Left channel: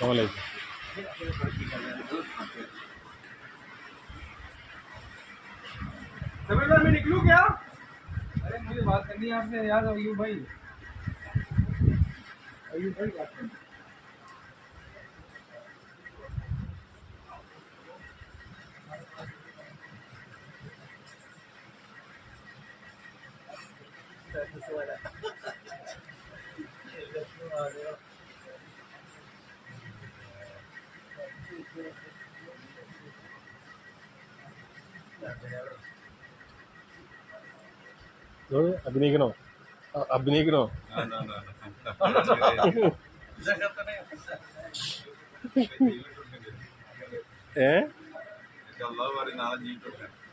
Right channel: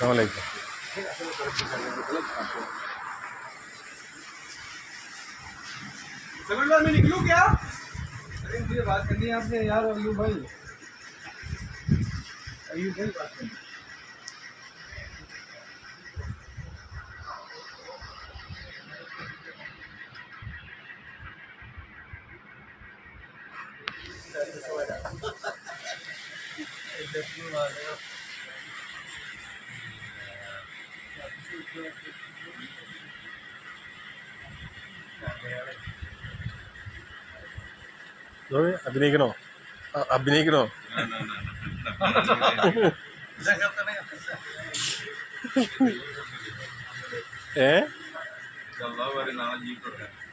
আসসালামাইকুম सेमिनार में निकलू क्या? अरे मुझे बात करनी है आपने यार अयू भाई। अयू भाई बात करनी Thank you so much. അഭിനയിക്കണോ? അഭിനയിക്കണോ? ഏ? നാളെ ജീവിതം